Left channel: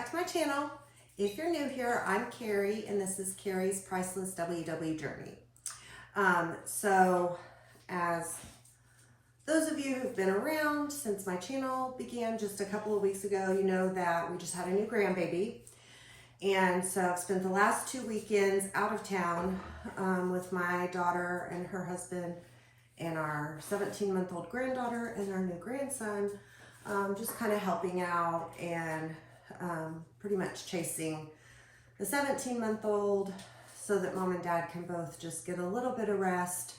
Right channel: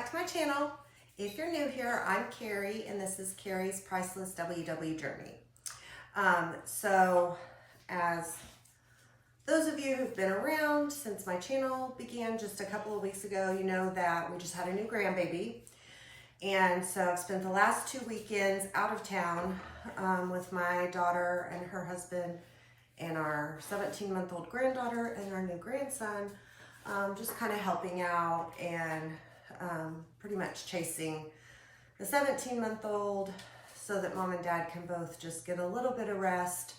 back to my channel. If you're new here, I'm Carrie, and this is Carrie's Priceless WW Journey. So as those of you who've been around since my channel began just a couple of weeks ago, you know that we just had a new grandbaby. And so I've spent the last 2 weekends out of town with my daughter and her husband and our 17-month-old granddaughter and our new grandson, just kind of helping out and pretty much chasing the 17-month-old so that mom and dad can both just get a little bit of rest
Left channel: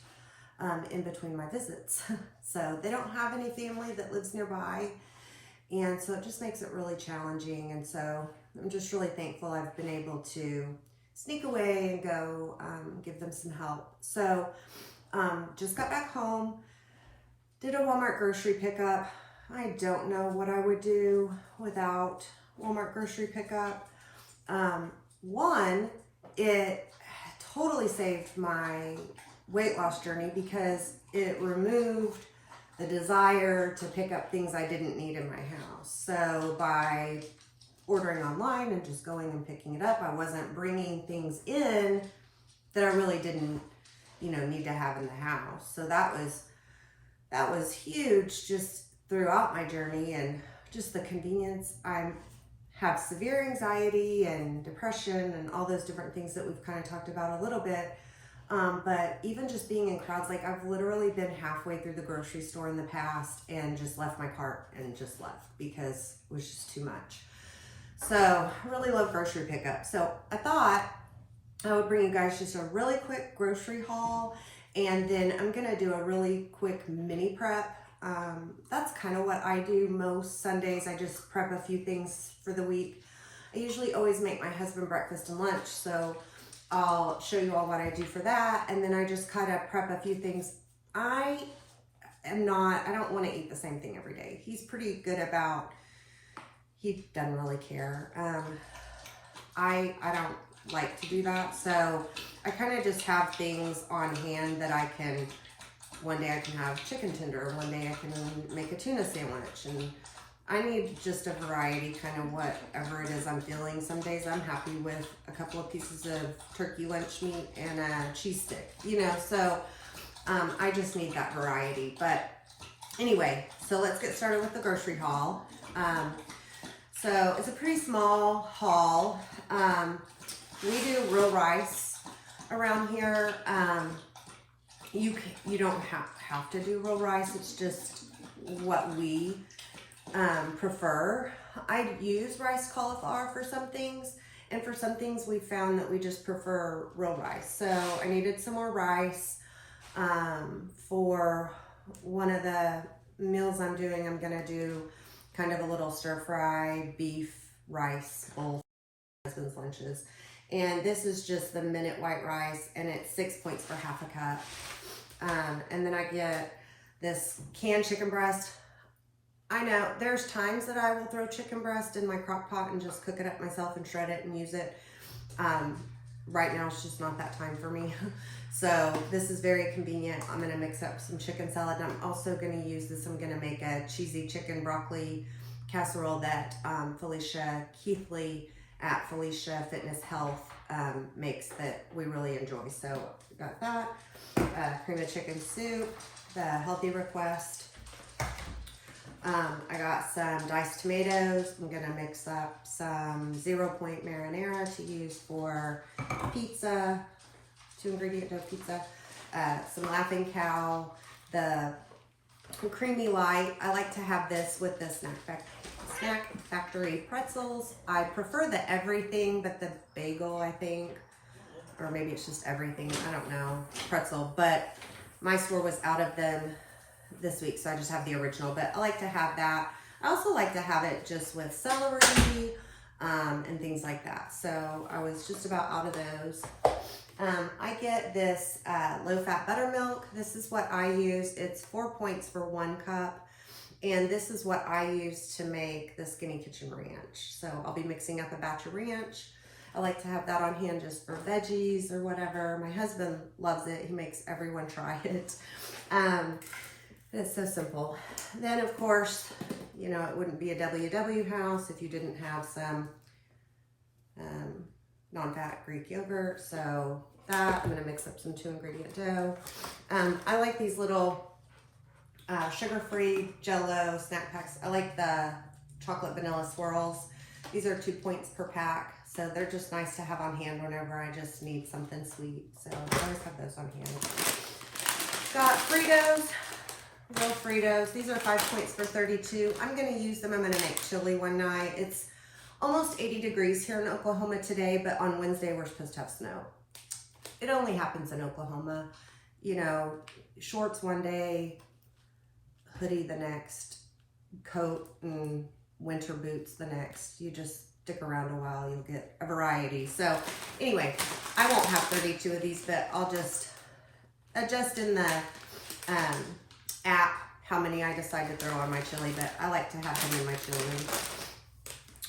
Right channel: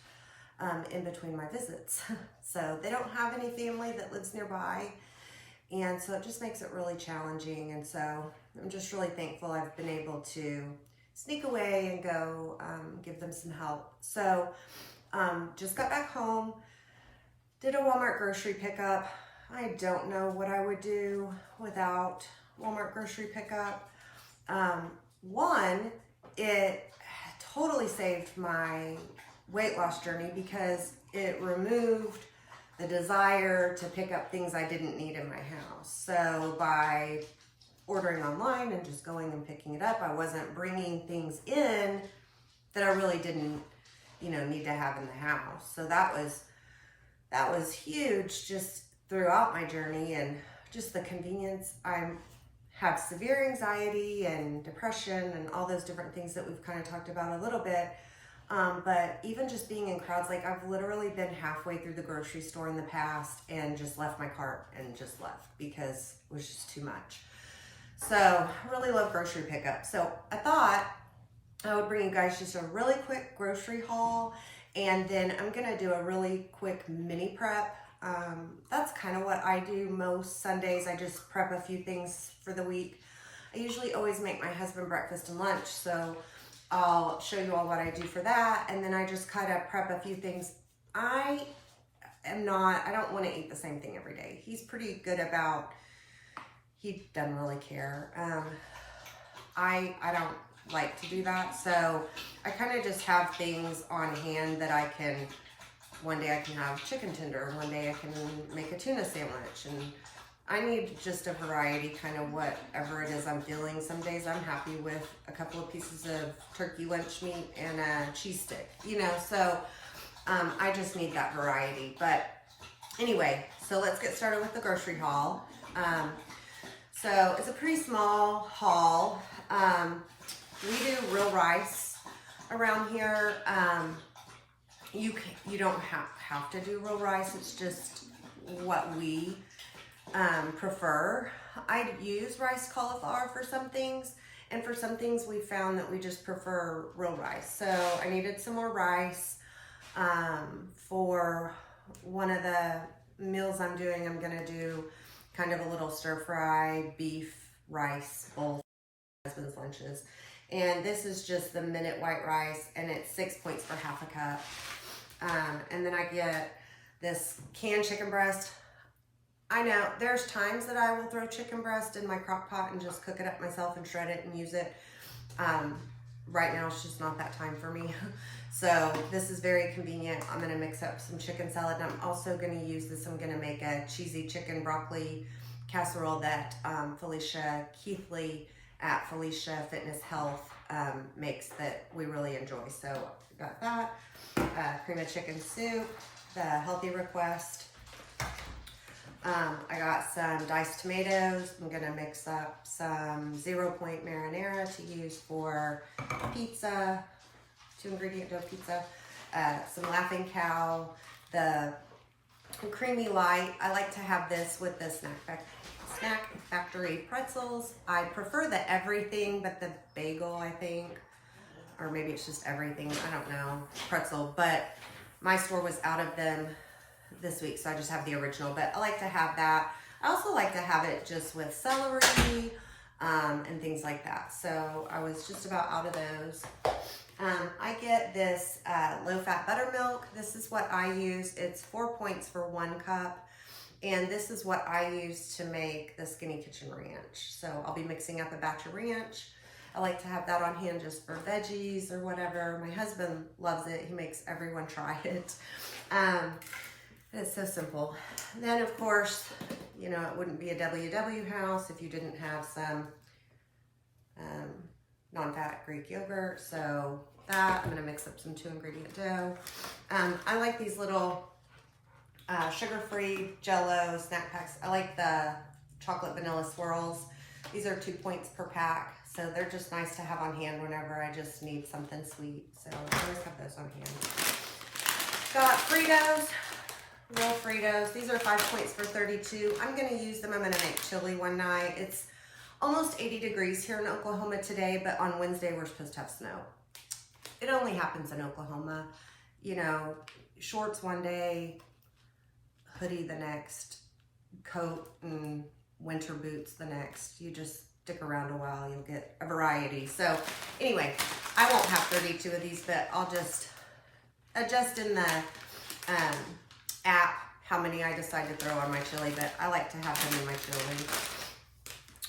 in between my visits. So they don't have any family that lives nearby, and so it just makes it really challenging. And so I'm just really thankful I've been able to sneak away and go give them some help. So just got back home, did a Walmart grocery pickup. I don't know what I would do without Walmart grocery pickup. One, it totally saved my weight loss journey because it removed the desire to pick up things I didn't need in my house. So by ordering online and just going and picking it up, I wasn't bringing things in that I really didn't, need to have in the house. So that was huge just throughout my journey, and just the convenience. I have severe anxiety and depression and all those different things that we've kind of talked about a little bit. But even just being in crowds, like I've literally been halfway through the grocery store in the past and just left my cart and just left because it was just too much. So I really love grocery pickup. So I thought I would bring you guys just a really quick grocery haul, and then I'm gonna do a really quick mini prep. That's kind of what I do most Sundays. I just prep a few things for the week. I usually always make my husband breakfast and lunch, so I'll show you all what I do for that, and then I just kind of prep a few things. I don't want to eat the same thing every day. He's pretty good about, he doesn't really care. I don't like to do that, so I kind of just have things on hand that I can, one day I can have chicken tender, one day I can make a tuna sandwich, and I need just a variety, kind of whatever it is I'm feeling. Some days I'm happy with a couple of pieces of turkey lunch meat and a cheese stick, so I just need that variety. But anyway, so let's get started with the grocery haul. So it's a pretty small haul. We do real rice around here. You don't have to do real rice. It's just what we prefer. I use rice cauliflower for some things, and for some things we found that we just prefer real rice. So I needed some more rice for one of the meals I'm doing. I'm gonna do kind of a little stir fry beef rice bowl for my husband's lunches, and this is just the minute white rice, and it's 6 points for half a cup. And then I get this canned chicken breast. I know there's times that I will throw chicken breast in my crock pot and just cook it up myself and shred it and use it. Right now it's just not that time for me. So this is very convenient. I'm gonna mix up some chicken salad, and I'm also gonna use this. I'm gonna make a cheesy chicken broccoli casserole that Felicia Keithley at Felicia Fitness Health makes that we really enjoy. So got that, cream of chicken soup, the healthy request. I got some diced tomatoes. I'm gonna mix up some 0 point marinara to use for pizza, 2-ingredient dough pizza, some Laughing Cow, the creamy light. I like to have this with the Snack Factory pretzels. I prefer the everything but the bagel, I think, or maybe it's just everything, I don't know, pretzel, but my store was out of them this week, so I just have the original, but I like to have that. I also like to have it just with celery and things like that. So I was just about out of those. I get this low-fat buttermilk. This is what I use. It's 4 points for 1 cup. And this is what I use to make the Skinny Kitchen Ranch. So I'll be mixing up a batch of ranch. I like to have that on hand just for veggies or whatever. My husband loves it. He makes everyone try it. It's so simple. Then of course, it wouldn't be a WW house if you didn't have some non-fat Greek yogurt. So that, I'm gonna mix up some 2-ingredient dough. I like these little sugar-free Jell-O snack packs. I like the chocolate vanilla swirls. These are 2 points per pack. So they're just nice to have on hand whenever I just need something sweet. So I always have those on hand. Got Fritos, real Fritos. These are 5 points for 32. I'm gonna use them. I'm gonna make chili one night. It's almost 80 degrees here in Oklahoma today, but on Wednesday we're supposed to have snow. It only happens in Oklahoma. You know, shorts one day, hoodie the next, coat and winter boots the next. You just stick around a while, you'll get a variety. So anyway, I won't have 32 of these, but I'll just adjust in the app how many I decide to throw on my chili, but I like to have them in my chili.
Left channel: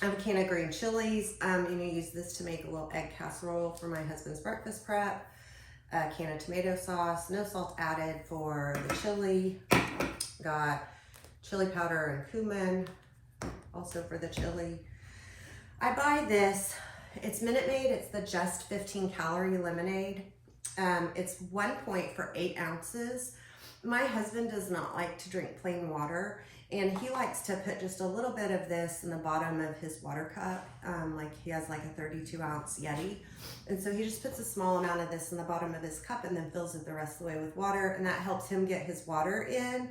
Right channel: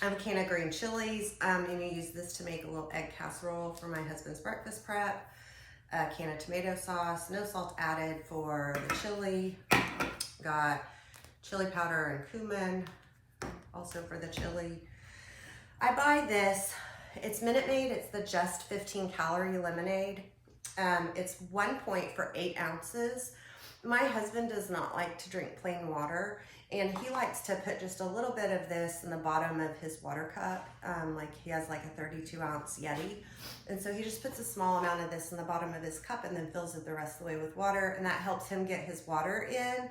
I have a can of green chilies. I'm gonna use this to make a little egg casserole for my husband's breakfast prep. A can of tomato sauce, no salt added for the chili. Got chili powder and cumin, also for the chili. I buy this, it's Minute Maid, it's the Just 15 Calorie Lemonade. It's 1 point for 8 ounces. My husband does not like to drink plain water, and he likes to put just a little bit of this in the bottom of his water cup. Like he has like a 32-ounce Yeti. And so he just puts a small amount of this in the bottom of his cup and then fills it the rest of the way with water. And that helps him get his water in.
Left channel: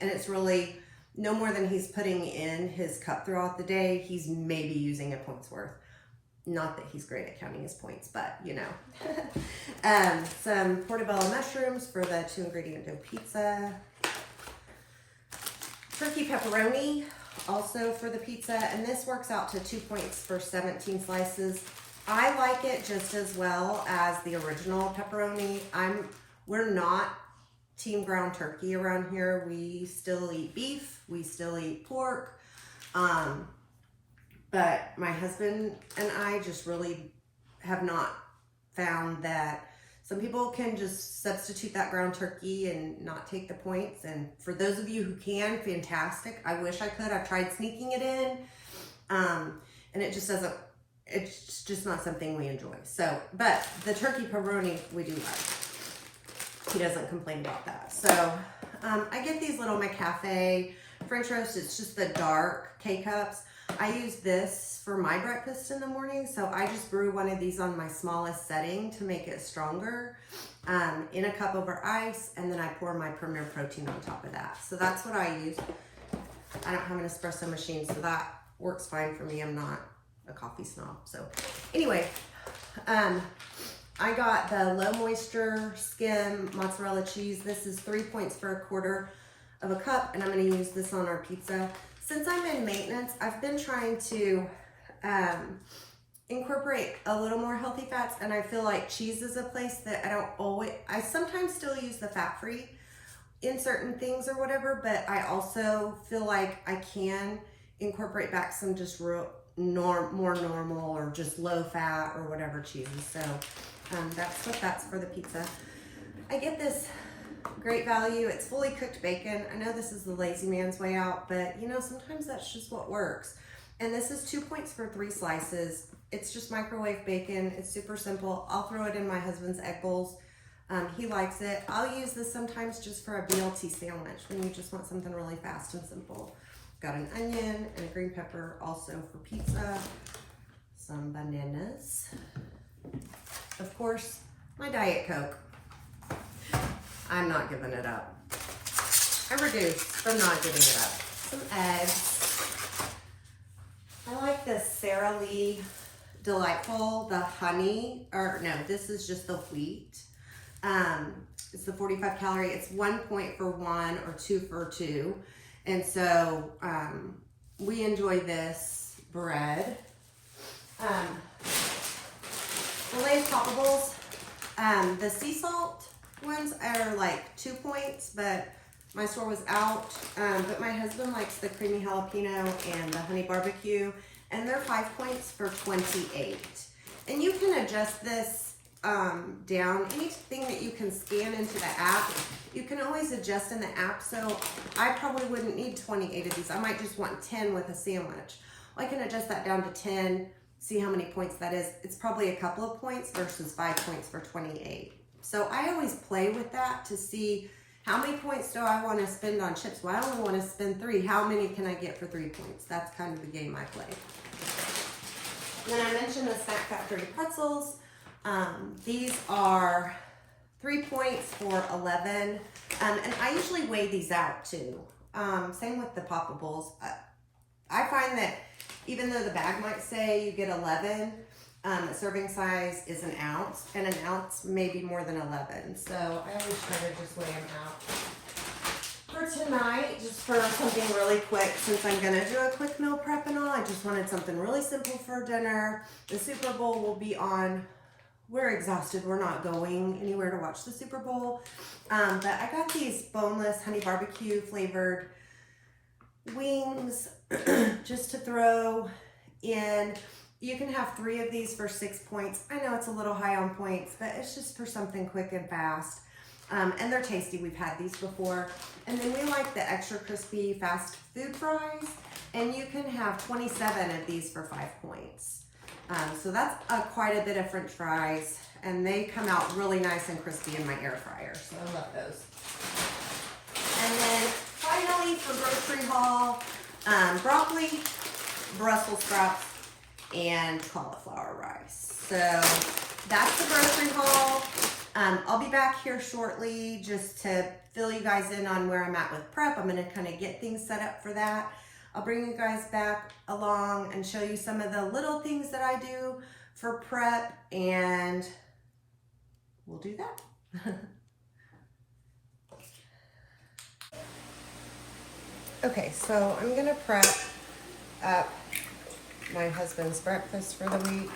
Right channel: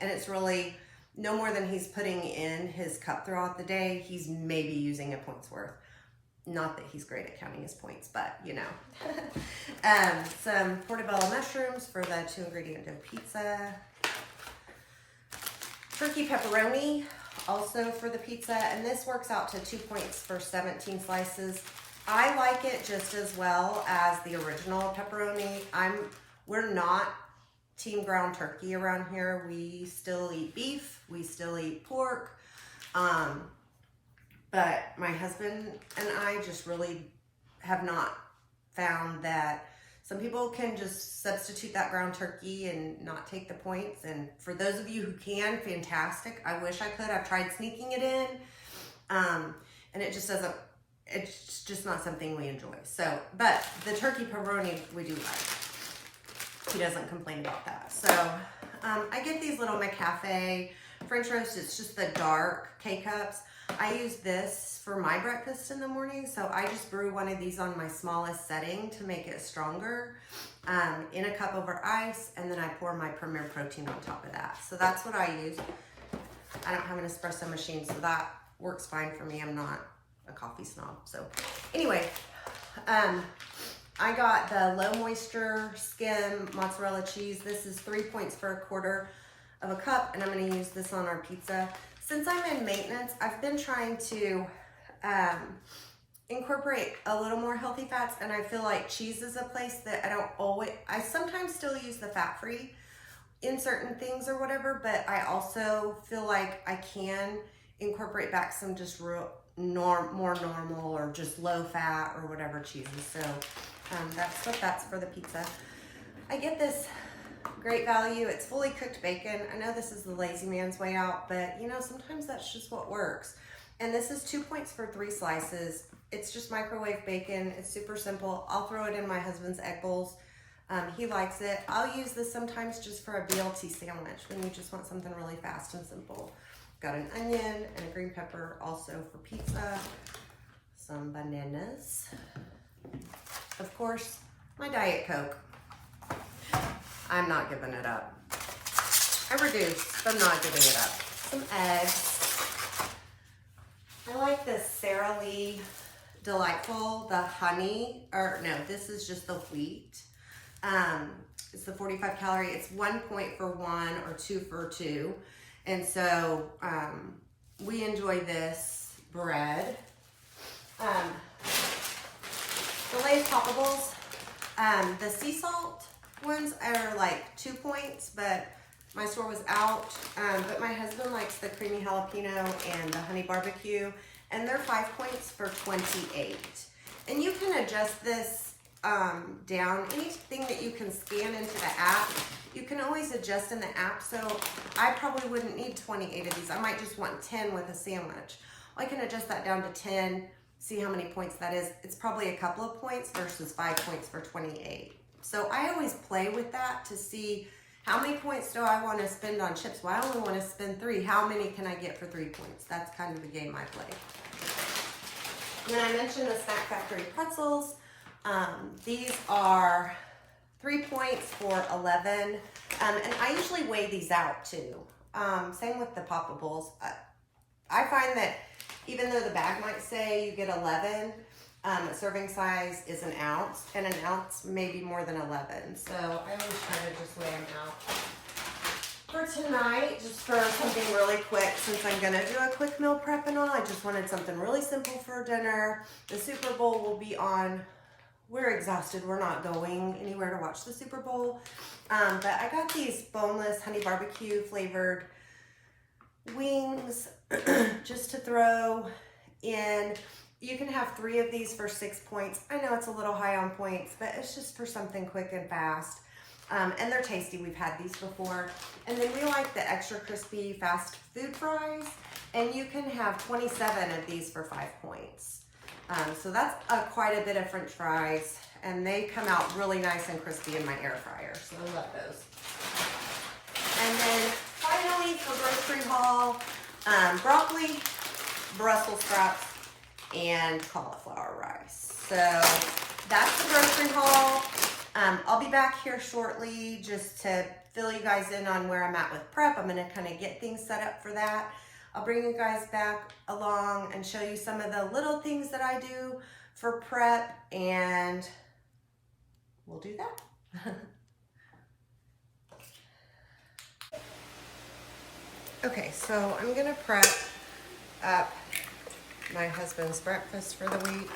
And it's really no more than he's putting in his cup throughout the day. He's maybe using a point's worth. Not that he's great at counting his points, but you know. Some portobello mushrooms for the 2-ingredient dough pizza. Turkey pepperoni, also for the pizza. And this works out to 2 points for 17 slices. I like it just as well as the original pepperoni. We're not team ground turkey around here. We still eat beef, we still eat pork. But my husband and I just really have not found that some people can just substitute that ground turkey and not take the points. And for those of you who can, fantastic. I wish I could. I've tried sneaking it in. And it just doesn't, it's just not something we enjoy. So, but the turkey pepperoni we do like. He doesn't complain about that. So I get these little McCafe French roast. It's just the dark K-cups. I use this for my breakfast in the morning. So I just brew one of these on my smallest setting to make it stronger in a cup over ice. And then I pour my Premier Protein on top of that. So that's what I use. I don't have an espresso machine, so that works fine for me. I'm not a coffee snob. So anyway, I got the low moisture skim mozzarella cheese. This is 3 points for 1/4 of a cup, and I'm going to use this on our pizza. Since I'm in maintenance, I've been trying to incorporate a little more healthy fats, and I feel like cheese is a place that I sometimes still use the fat-free in certain things or whatever, but I also feel like I can incorporate back some just more normal or just low fat or whatever cheeses. So that's what that's for the pizza. I get this great value. It's fully cooked bacon. I know this is the lazy man's way out, but you know, sometimes that's just what works. And this is 2 points for 3 slices. It's just microwave bacon. It's super simple. I'll throw it in my husband's egg bowls. He likes it. I'll use this sometimes just for a BLT sandwich when you just want something really fast and simple. Got an onion and a green pepper also for pizza. Some bananas. Of course, my Diet Coke. I'm not giving it up. I reduced, but I'm not giving it up. Some eggs. I like the Sara Lee Delightful, the honey, or no, this is just the wheat. It's the 45 calorie. It's 1 point for 1 or 2 for 2. And so we enjoy this bread. The Lay's Poppables, the sea salt ones are like 2 points, but my store was out. But my husband likes the creamy jalapeno and the honey barbecue, and they're 5 points for 28. And you can adjust this down. Anything that you can scan into the app, you can always adjust in the app. So I probably wouldn't need 28 of these. I might just want 10 with a sandwich. I can adjust that down to 10, see how many points that is. It's probably a couple of points versus 5 points for 28. So I always play with that to see how many points do I want to spend on chips. Well, I only want to spend 3. How many can I get for 3 points? That's kind of the game I play. Then I mentioned the Snack Factory pretzels. These are 3 points for 11. And I usually weigh these out too. Same with the Poppables. I find that even though the bag might say you get 11, a serving size is an ounce, and an ounce may be more than 11. So I always try to just weigh them out. For tonight, just for something really quick, since I'm gonna do a quick meal prep and all, I just wanted something really simple for dinner. The Super Bowl will be on. We're exhausted. We're not going anywhere to watch the Super Bowl. But I got these boneless honey barbecue flavored wings just to throw in. You can have 3 of these for 6 points. I know it's a little high on points, but it's just for something quick and fast. And they're tasty. We've had these before. And then we like the extra crispy fast food fries. And you can have 27 of these for 5 points. So that's quite a bit of French fries. And they come out really nice and crispy in my air fryer. So I love those. And then finally for grocery haul, broccoli, Brussels sprouts, and cauliflower rice. So that's the grocery haul. I'll be back here shortly just to fill you guys in on where I'm at with prep. I'm gonna kind of get things set up for that. I'll bring you guys back along and show you some of the little things that I do for prep, and we'll do that. Okay, so I'm gonna prep up my husband's breakfast for the week.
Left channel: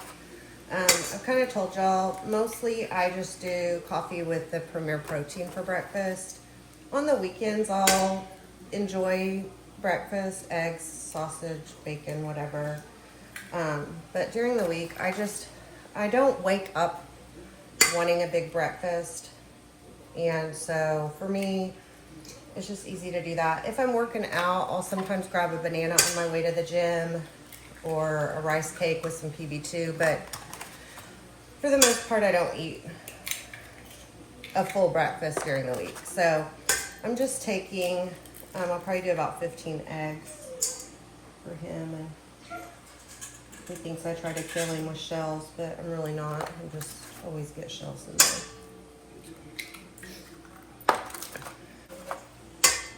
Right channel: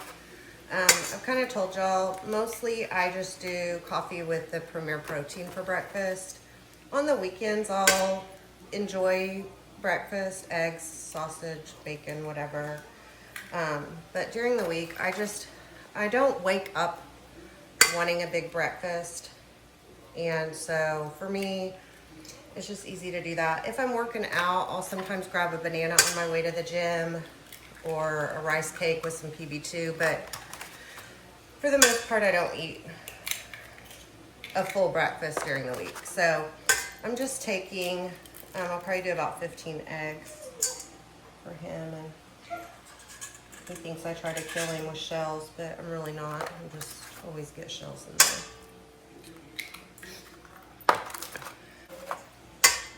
I've kind of told y'all, mostly I just do coffee with the Premier Protein for breakfast. On the weekends, I'll enjoy breakfast, eggs, sausage, bacon, whatever. But during the week, I don't wake up wanting a big breakfast. And so for me, it's just easy to do that. If I'm working out, I'll sometimes grab a banana on my way to the gym or a rice cake with some PB2, but for the most part, I don't eat a full breakfast during the week. So I'm just taking, I'll probably do about 15 eggs for him. And he thinks I try to kill him with shells, but I'm really not. I just always get shells in there.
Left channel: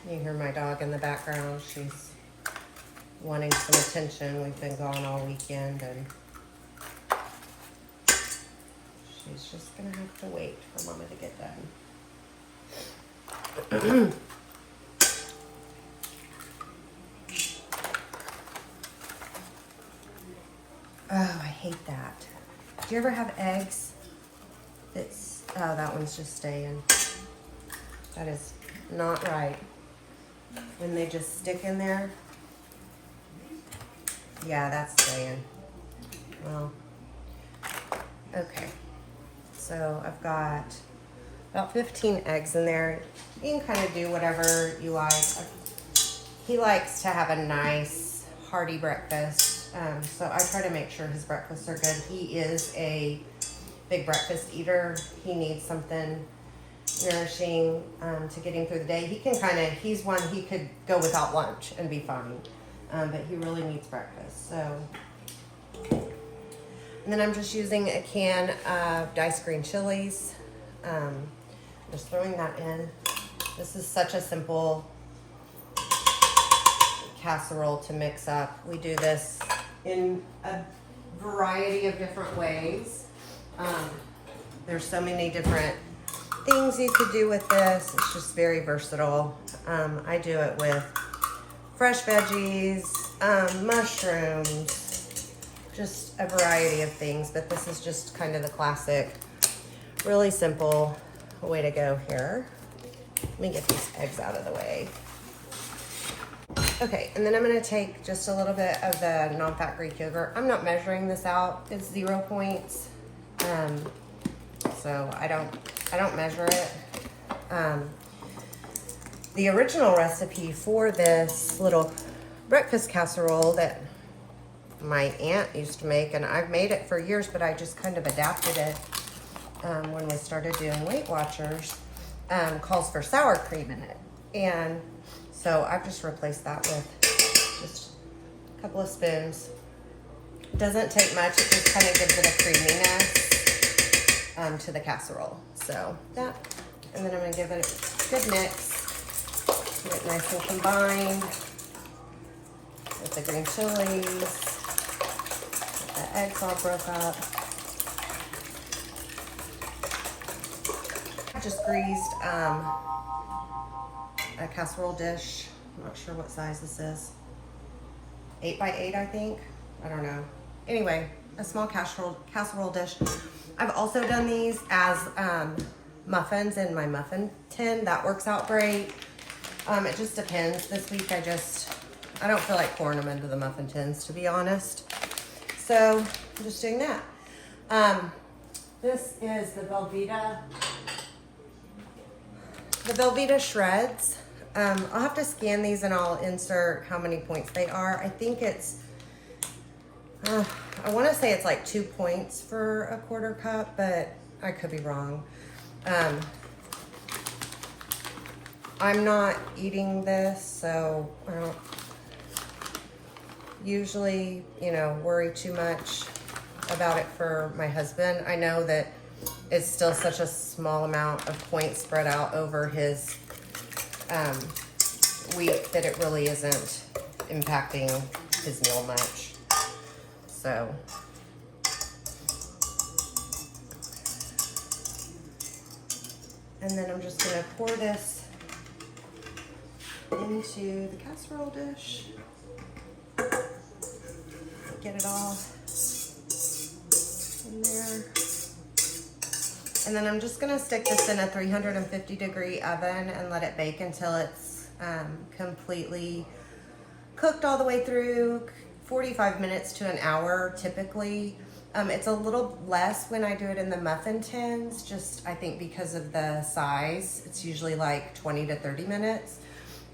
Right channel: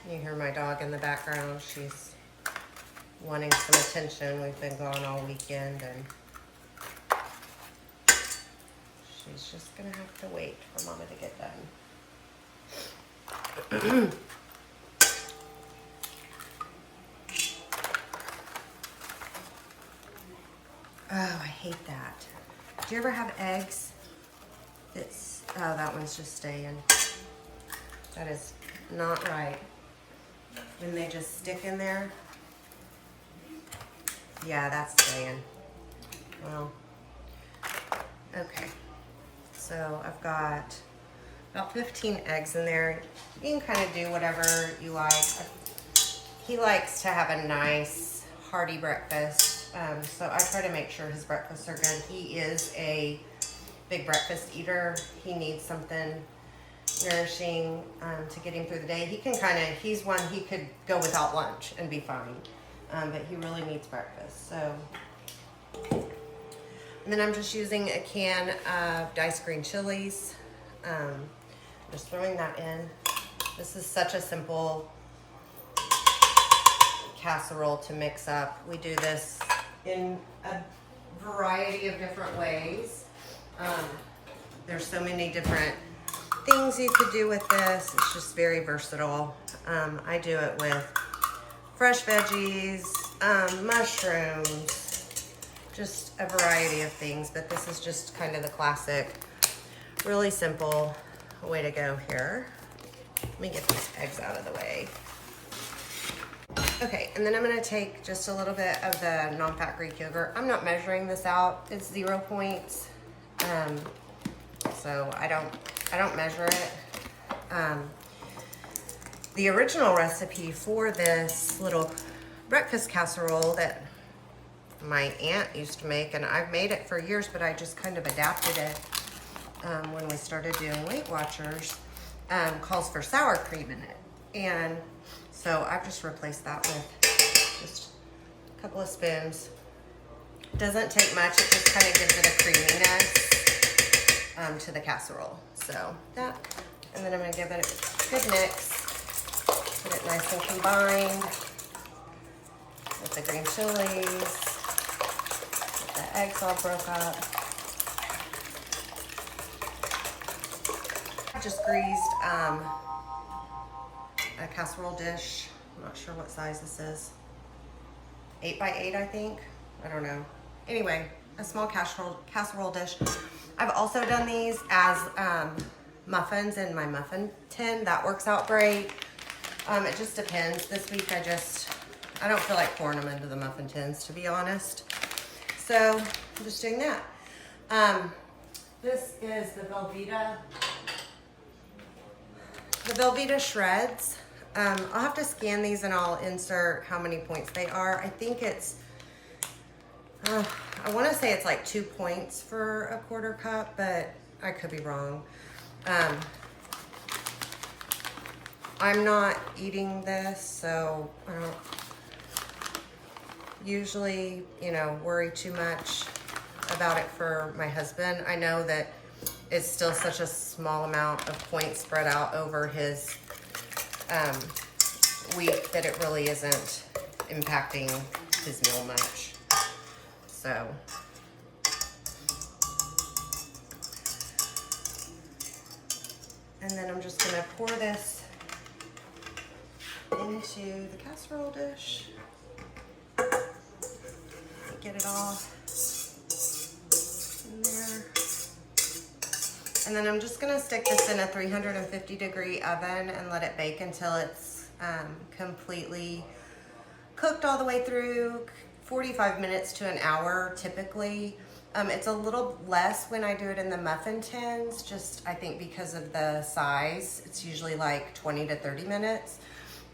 You hear my dog in the background. She's wanting some attention. We've been gone all weekend, and she's just gonna have to wait for Mama to get done. Oh, I hate that. Do you ever have eggs that's, oh, that one's just staying. That is not right. When they just stick in there. Yeah, that's staying. Well, okay. So I've got about 15 eggs in there. You can kind of do whatever you like. He likes to have a nice hearty breakfast. So I try to make sure his breakfasts are good. He is a big breakfast eater. He needs something nourishing to get him through the day. He can he's one, he could go without lunch and be fine. But he really needs breakfast. So, and then I'm just using a can of diced green chilies. Just throwing that in. This is such a simple casserole to mix up. We do this in a variety of different ways. There's so many different things you could do with this. It's just very versatile. I do it with fresh veggies, mushrooms, just a variety of things, but this is just kind of the classic, really simple way to go here. Let me get these eggs out of the way. Okay, and then I'm gonna take just a little bit of the non-fat Greek yogurt. I'm not measuring this out, it's 0 points. So I don't measure it. The original recipe for this little breakfast casserole that my aunt used to make, and I've made it for years, but I just kind of adapted it when we started doing Weight Watchers. Calls for sour cream in it. And so I've just replaced that with just a couple of spoons. Doesn't take much, it just kind of gives it a creaminess to the casserole. So that, and then I'm gonna give it a good mix, get it nice and combined with the green chilies, get the eggs all broke up. I just greased a casserole dish. I'm not sure what size this is. 8 by 8, I think. I don't know. Anyway, a small casserole dish. I've also done these as muffins in my muffin tin. That works out great. It just depends. This week I don't feel like pouring them into the muffin tins, to be honest. So I'm just doing that. This is the Velveeta shreds. I'll have to scan these and I'll insert how many points they are. I think it's, I want to say it's like 2 points for a quarter cup, but I could be wrong. I'm not eating this, so I don't usually, worry too much about it for my husband. I know that it's still such a small amount of points spread out over his week that it really isn't impacting his meal much. So, and then I'm just gonna pour this into the casserole dish. Get it all in there. And then I'm just gonna stick this in a 350-degree oven and let it bake until it's completely cooked all the way through, 45 minutes to an hour typically. It's a little less when I do it in the muffin tins, just I think because of the size. It's usually like 20 to 30 minutes.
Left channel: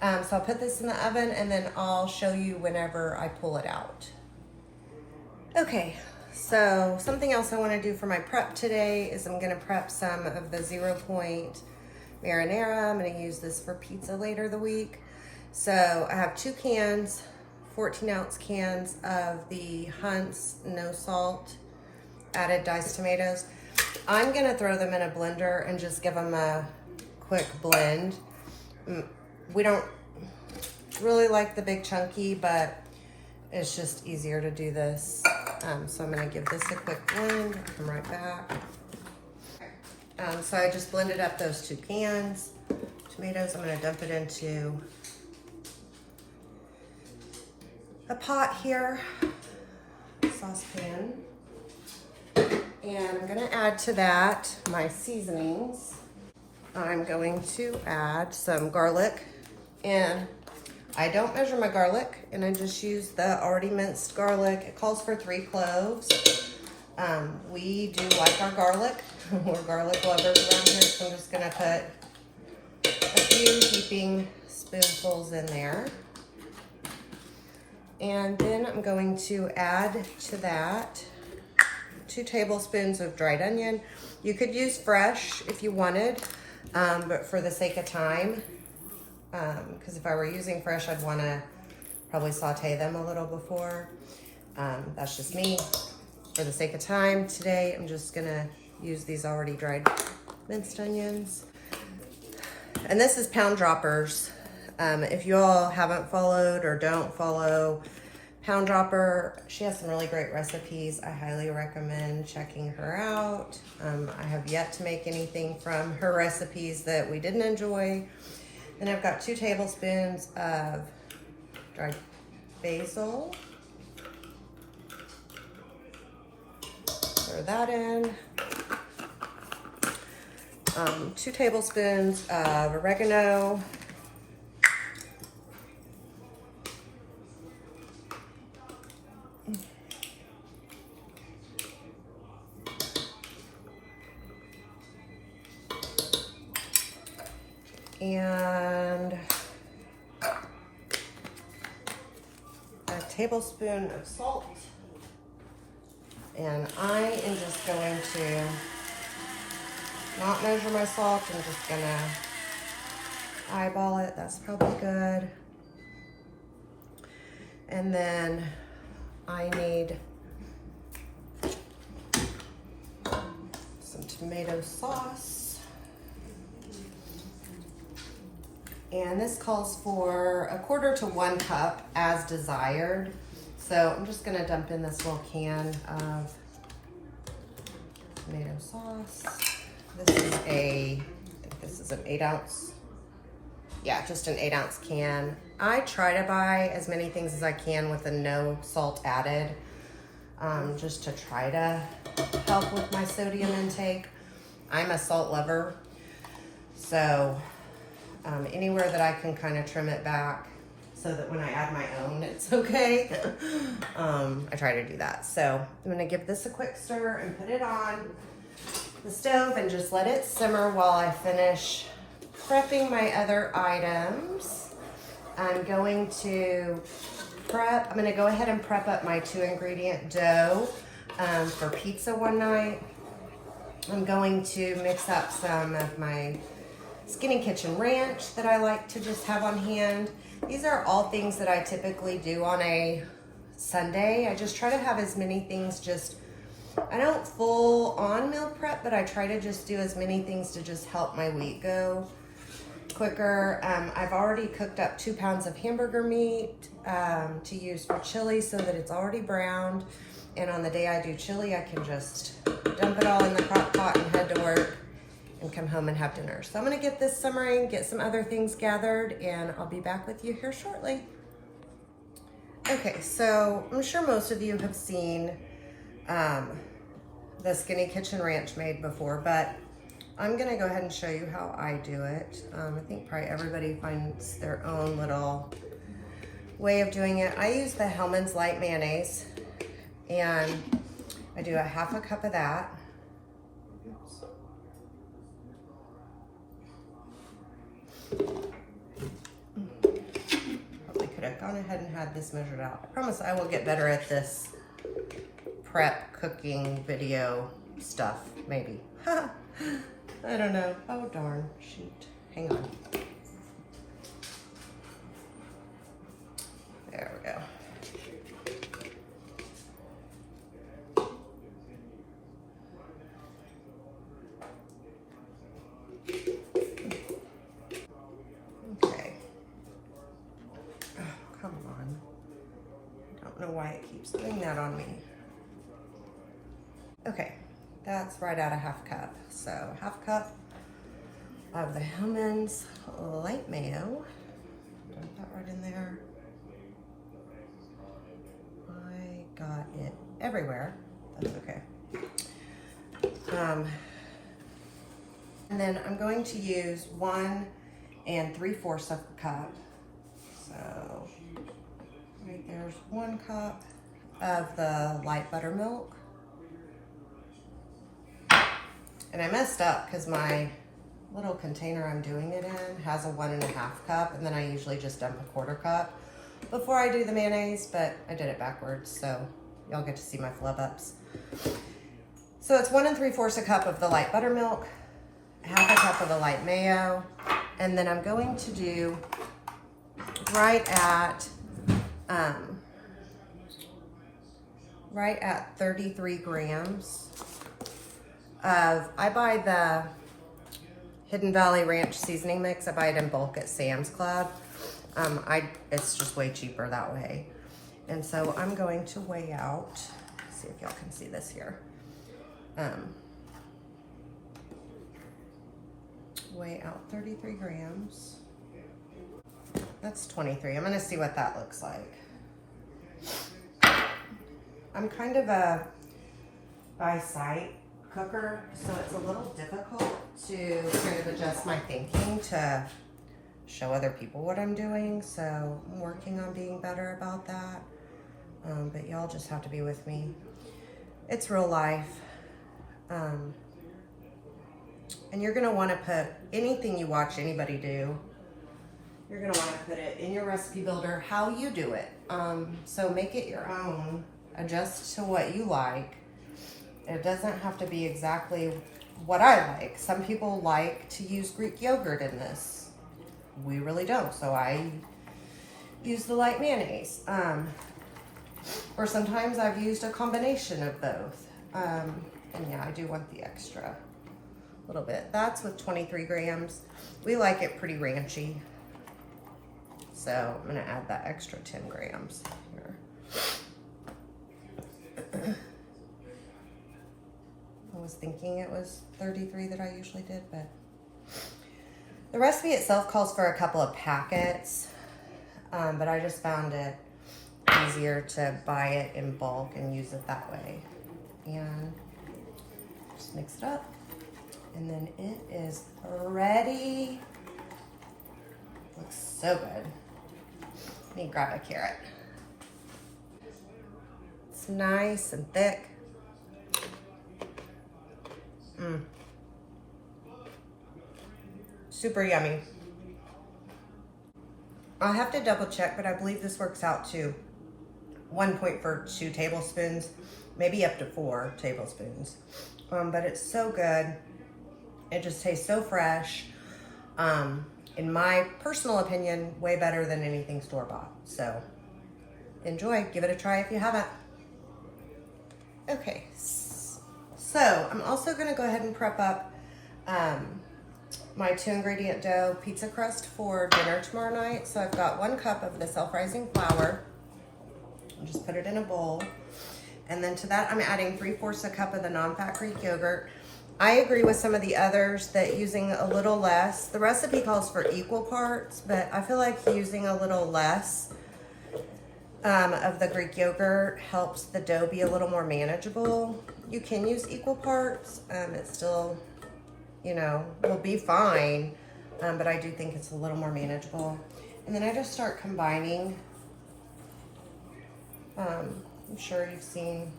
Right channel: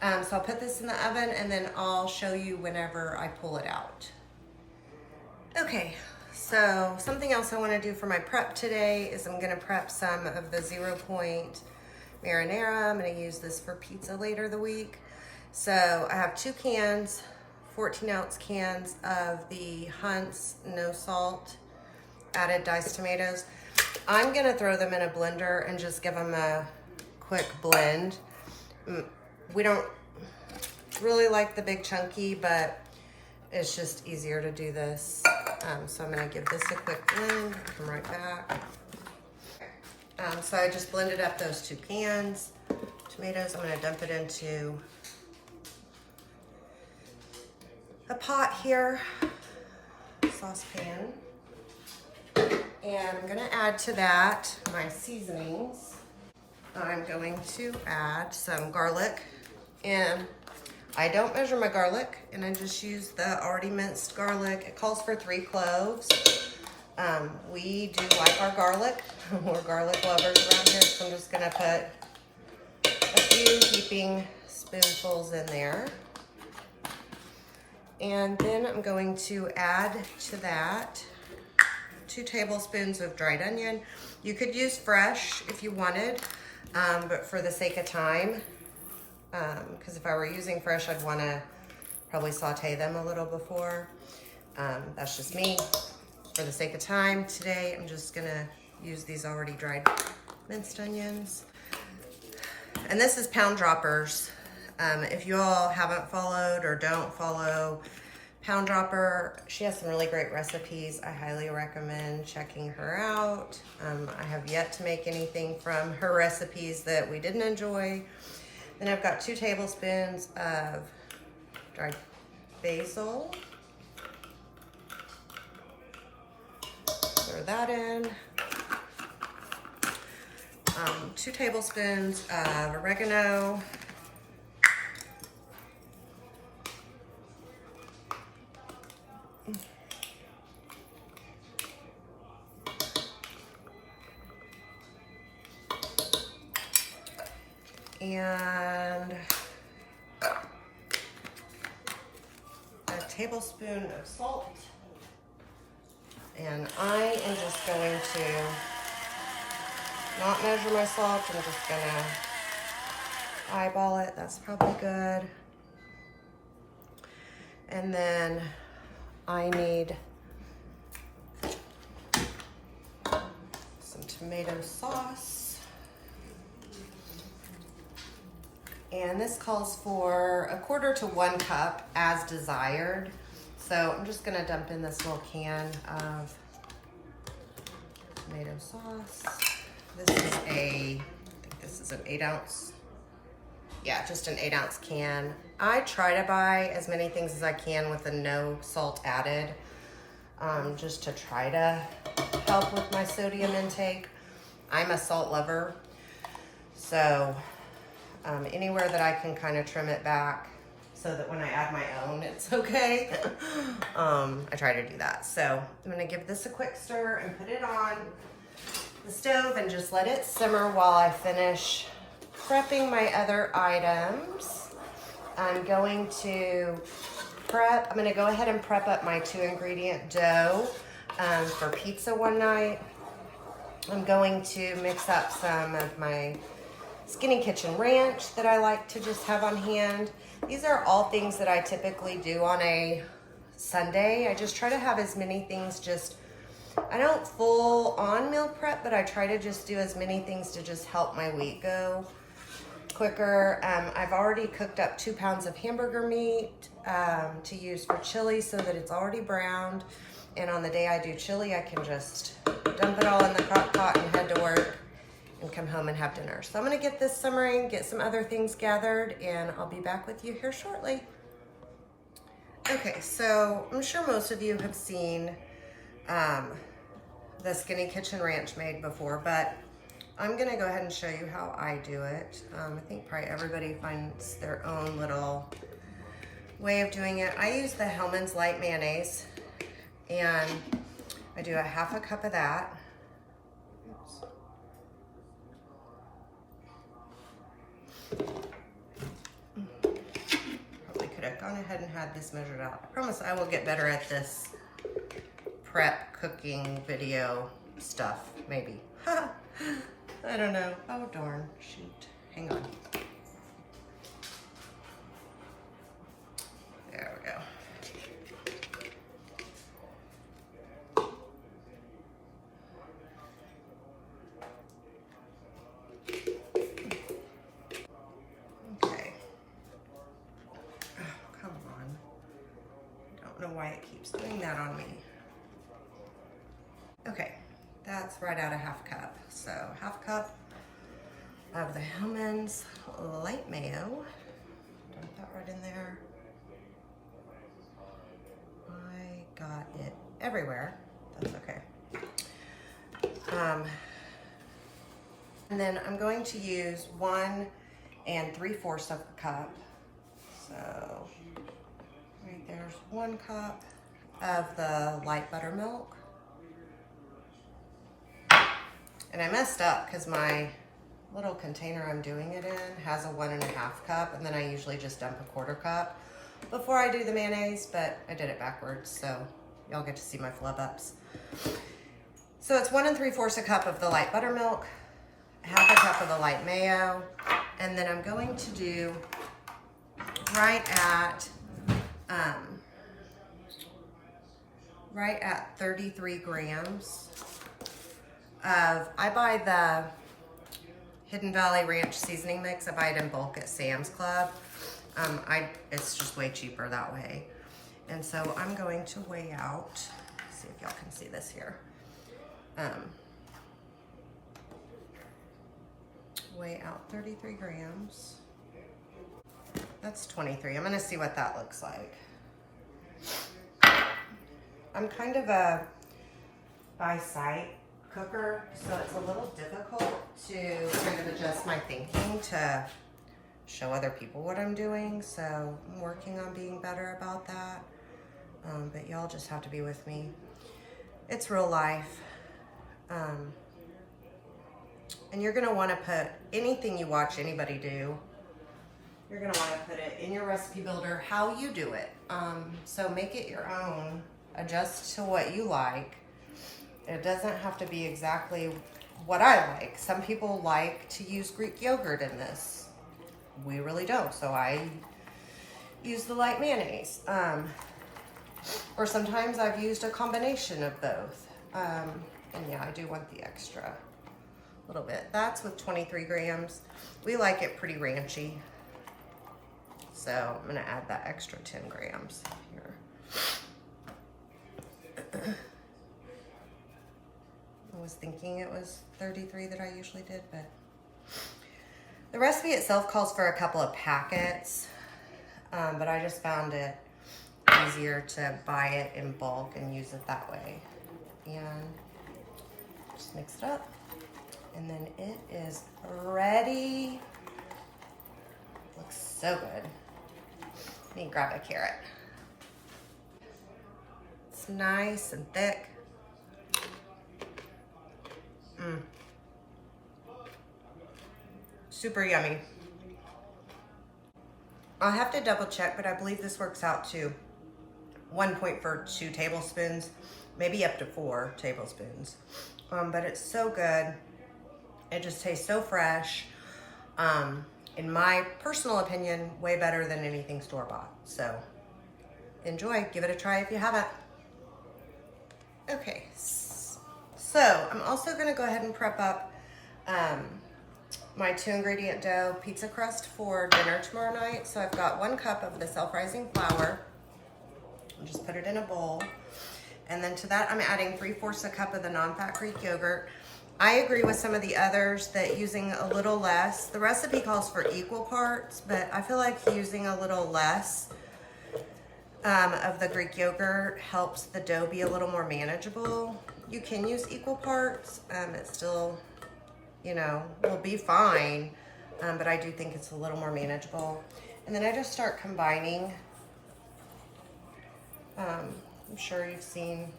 So I'll put this in the oven and then I'll show you whenever I pull it out. Okay, so something else I want to do for my prep today is I'm going to prep some of the 0 point marinara. I'm going to use this for pizza later the week. So I have 2 cans, 14-ounce cans of the Hunt's no salt added diced tomatoes. I'm going to throw them in a blender and just give them a quick blend. We don't really like the big chunky, but it's just easier to do this. So I'm gonna give this a quick blend, come right back. So I just blended up those 2 cans. Tomatoes, I'm gonna dump it into a pot here, saucepan. And I'm gonna add to that my seasonings. I'm going to add some garlic, and I don't measure my garlic, and I just use the already minced garlic. It calls for 3 cloves. We do like our garlic. We're garlic lovers around here, so I'm just gonna put a few heaping spoonfuls in there. And then I'm going to add to that 2 tablespoons of dried onion. You could use fresh if you wanted, but for the sake of time, because if I were using fresh, I'd want to probably saute them a little before. That's just me. For the sake of time today, I'm just gonna use these already dried minced onions. And this is Pound Droppers. If you all haven't followed or don't follow Pound Dropper, she has some really great recipes. I highly recommend checking her out. I have yet to make anything from her recipes that we didn't enjoy. Then I've got 2 tablespoons of dried basil. Throw that in. 2 tablespoons of oregano. And a tablespoon of salt. And I am just going to not measure my salt. I'm just gonna eyeball it. That's probably good. And then I need some tomato sauce. And this calls for 1/4 to 1 cup as desired. So I'm just gonna dump in this little can of tomato sauce. This is I think this is an 8-ounce. Yeah, just an 8-ounce can. I try to buy as many things as I can with a no salt added, just to try to help with my sodium intake. I'm a salt lover, so anywhere that I can kind of trim it back so that when I add my own, it's okay. I try to do that. So I'm gonna give this a quick stir and put it on the stove and just let it simmer while I finish prepping my other items. I'm going to go ahead and prep up my 2-ingredient dough for pizza one night. I'm going to mix up some of my Skinny Kitchen Ranch that I like to just have on hand. These are all things that I typically do on a Sunday. I just try to have as many things I don't full on meal prep, but I try to just do as many things to just help my week go quicker. I've already cooked up 2 pounds of hamburger meat to use for chili so that it's already browned. And on the day I do chili, I can just dump it all in the crock pot and head to work and come home and have dinner. So I'm gonna get this simmering, get some other things gathered, and I'll be back with you here shortly. Okay, so I'm sure most of you have seen the Skinny Kitchen Ranch made before, but I'm gonna go ahead and show you how I do it. I think probably everybody finds their own little way of doing it. I use the Hellmann's Light Mayonnaise, and I do a 1/2 cup of that. Probably could have gone ahead and had this measured out. I promise I will get better at this prep cooking video stuff, maybe. I don't know. Oh darn, shoot. Hang on. There we go. Okay. Oh, come on. I don't know why it keeps doing that on me. Okay, that's right at a 1/2 cup. So 1/2 cup of the Hellmann's Light Mayo. Dump that right in there. I got it everywhere. That's okay. And then I'm going to use 1 3/4 of a cup. So right there's 1 cup of the light buttermilk. And I messed up because my little container I'm doing it in has a 1 1/2 cup, and then I usually just dump a 1/4 cup before I do the mayonnaise, but I did it backwards, so y'all get to see my flub ups. So it's 1 3/4 a cup of the light buttermilk, 1/2 cup of the light mayo, and then I'm going to do right at 33 grams of, I buy the Hidden Valley Ranch seasoning mix. I buy it in bulk at Sam's Club. It's just way cheaper that way. And so I'm going to weigh out, see if y'all can see this here. Weigh out 33 grams. That's 23. I'm gonna see what that looks like. I'm kind of a by sight cooker, so it's a little difficult to kind of adjust my thinking to show other people what I'm doing. So I'm working on being better about that. But y'all just have to be with me. It's real life. And you're gonna wanna put anything you watch anybody do, you're gonna wanna put it in your recipe builder, how you do it. So make it your own, adjust to what you like. It doesn't have to be exactly what I like. Some people like to use Greek yogurt in this. We really don't, so I use the light mayonnaise. Or sometimes I've used a combination of both. And yeah, I do want the extra little bit. That's with 23 grams. We like it pretty ranchy. So I'm gonna add that extra 10 grams here. I was thinking it was 33 that I usually did, but the recipe itself calls for a couple of packets, but I just found it easier to buy it in bulk and use it that way. And just mix it up, and then it is ready. Looks so good. Let me grab a carrot. It's nice and thick. Super yummy. I'll have to double check, but I believe this works out to 1.42 tablespoons, maybe up to 4 tablespoons. But it's so good. It just tastes so fresh. In my personal opinion, way better than anything store-bought. So enjoy, give it a try if you haven't. Okay, so I'm also gonna go ahead and prep up my 2-ingredient dough pizza crust for dinner tomorrow night. So I've got 1 cup of the self-rising flour. I'll just put it in a bowl. And then to that, I'm adding 3/4 a cup of the non-fat Greek yogurt. I agree with some of the others that using a little less, the recipe calls for equal parts, but I feel like using a little less of the Greek yogurt helps the dough be a little more manageable. You can use equal parts. It still, you know, will be fine, but I do think it's a little more manageable. And then I just start combining. I'm sure you've seen